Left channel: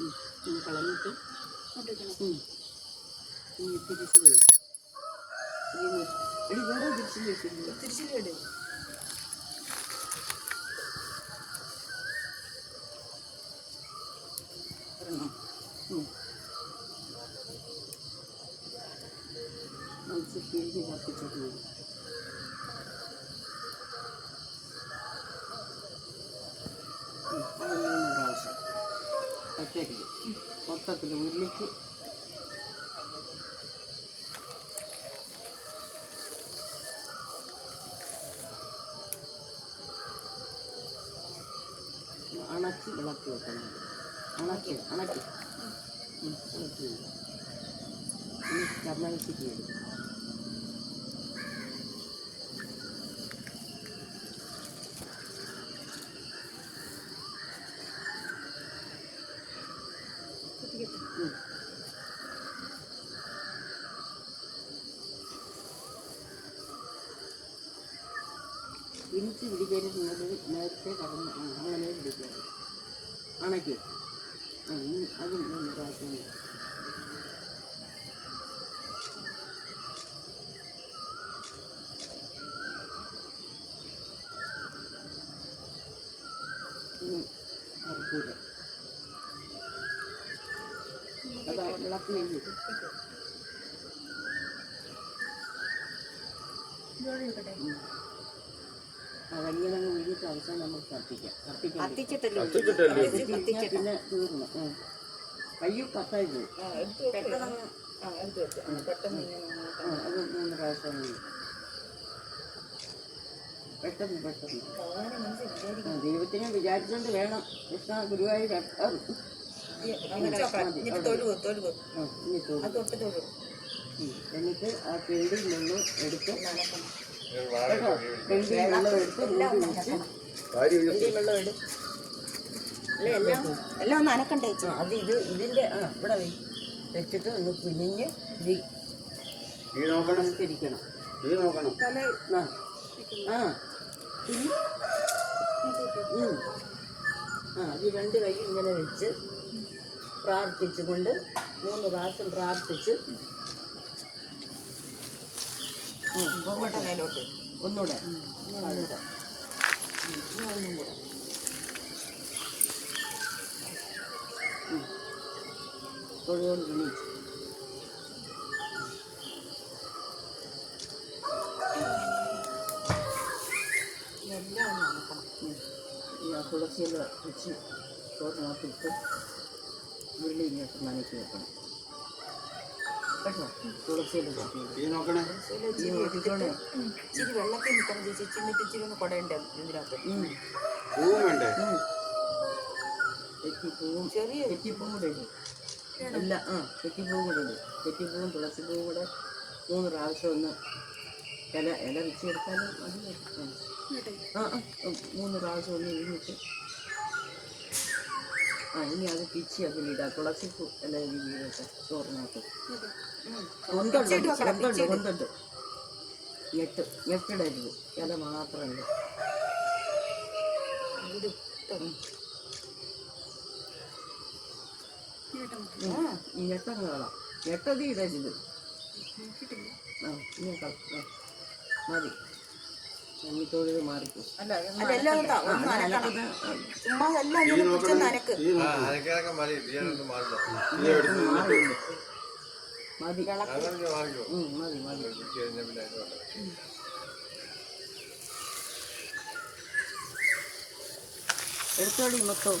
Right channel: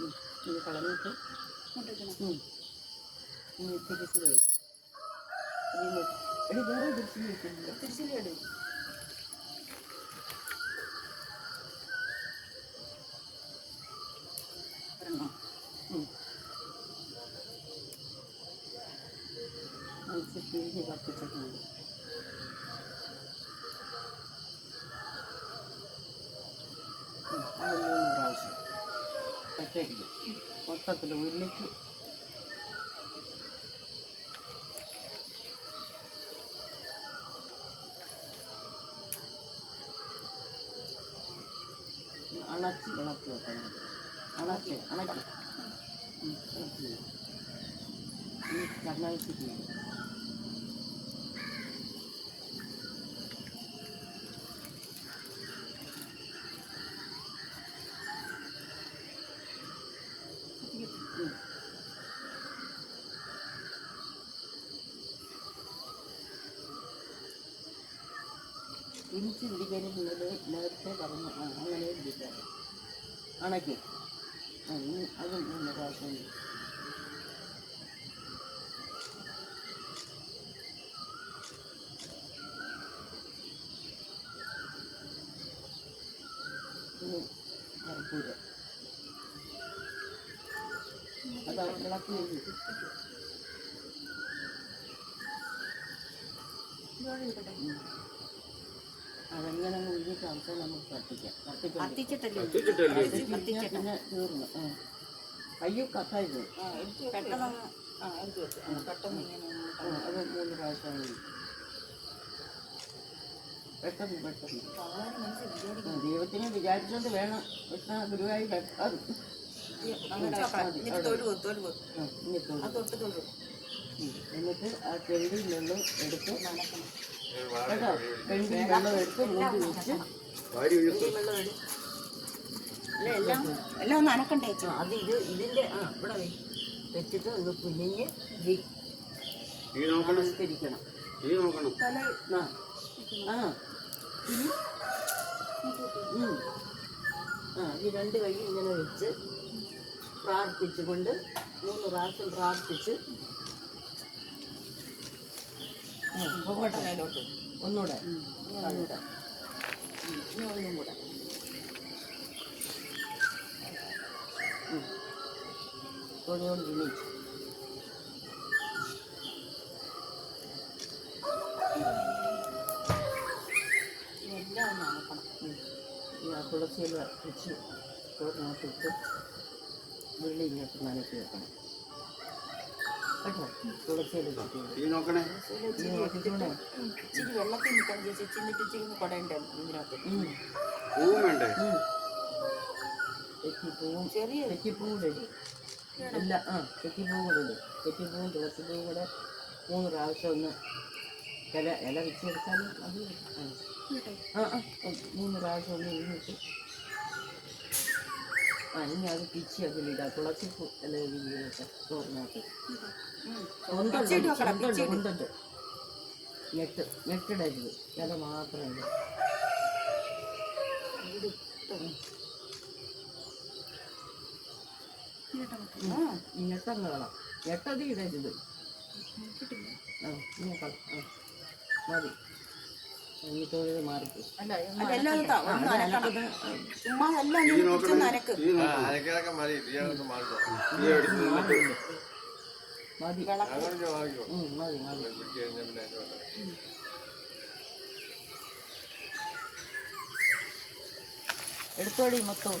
ഇത് കളഞ്ഞിട്ട് തിരിച്ച് വരും. എടി വേറെ തിരിച്ച് വെച്ചിട്ടില്ല. തിരിച്ചിൽ വേണ്ടേ? ഒരെണ്ണം തിരിഞ്ഞ് കത്തിച്ചിട്ട് വരും. അത് 3 പ്രാവശ്യം ഒറ്റയ്ക്ക് മൊത്തത്തിൽ ഉരുളിക്ക് അണച്ച് വിളക്ക് വെക്കണം. അണച്ച് ഇളക്കി ഈ കർണാടകയ്ക്ക് വരും. ഇനിച്ച് പിടിക്കരുന്നത് നേരത്തെ പറഞ്ഞു. അങ്ങനെ പിടിക്കാറ് അണയ്ക്ക്. അതും 3 പ്രാവശ്യം. ഇനി കർപ്പൂരം അത് വിളക്ക് കഴിഞ്ഞു. അതെങ്ങനെ ഉരുട്ട് അവസാനം നമുക്ക് കത്തിക്കാം. പിന്നെ തീർന്നു. കയ്യും കത്തായി പോയി. അത് 3 പ്രാവശ്യം മതി. പെട്ടെന്ന് ദൈവത്തിനെ വിചാരിച്ചുകൊണ്ട് വേണം കൃഷ്ണ ഗുരുവായൂർ. എന്നിട്ട് ആ ചെണ്ടിയിൽ വെള്ളം എടുത്ത് കേട്ടോ, ചെണ്ടിയിൽ വെള്ളം എടുത്ത് മൂടി വെച്ച് വെള്ളം എല്ലാം ഒന്ന് അനക്കണ്ടേ? അത് ഇതിൻ്റെ ഇവിടെ വെച്ചിട്ട് ഒന്ന് കുഞ്ഞിഞ്ഞ് നമസ്കരിക്കണം. ഈ 2 കൈ ഇങ്ങനെ വെച്ച് പ്രാർത്ഥിച്ചുകൊണ്ട് 3 പ്രാവശ്യം പ്രാർത്ഥിച്ച് ഒന്നുകൂടെ തൊഴുകൊണ്ടിരിച്ചു. എല്ലാം നോക്കണം. തുളസിയില വെച്ച് ചോറിനകത്തിട്ട് ഉരുളി ഇങ്ങോട്ട് നനയ്ക്ക് വെക്കണം കേട്ടോ. തുളസിയില നോക്കിക്കോണേ. ഇച്ചിരി വെള്ളത്തിൽ നിൽക്കണം ചേച്ചി. എന്നിട്ട് ഇച്ചിരി ഒന്ന് കുടയുണ്ട് ഇതിനകത്ത്. തെറ്റിപ്പൂവും തെറ്റിപ്പൂവും ഇടും. അല്ല തെറ്റിപ്പൂവും കൂടെ ഇടും. തെറ്റിപ്പൂവും തുളസിപ്പൂവും കൂടെ 3 പ്രാവശ്യം ഒന്ന് ഇല വെച്ച് കൊടുത്താലും മതി. 3 പ്രാവശ്യം ഒന്ന് ഇരിഞ്ഞിട്ട് ഇനി അത് പിച്ചി അതിലിടാം. തുളസിപ്പൂ ഇല ഇരിഞ്ഞൊക്കെ ചോറിനകത്ത് കൊണ്ടുണ്ട്. ഞെട്ടിടരുത്. ഇല മാത്രമല്ല. ഞെട്ടങ്ങളാം. ഞെട്ടത് ഇടരുത്. മതി. തൊഴിൽ മാറിക്കും. മതി മതി മതി. എടുത്തോളി മൊത്തം.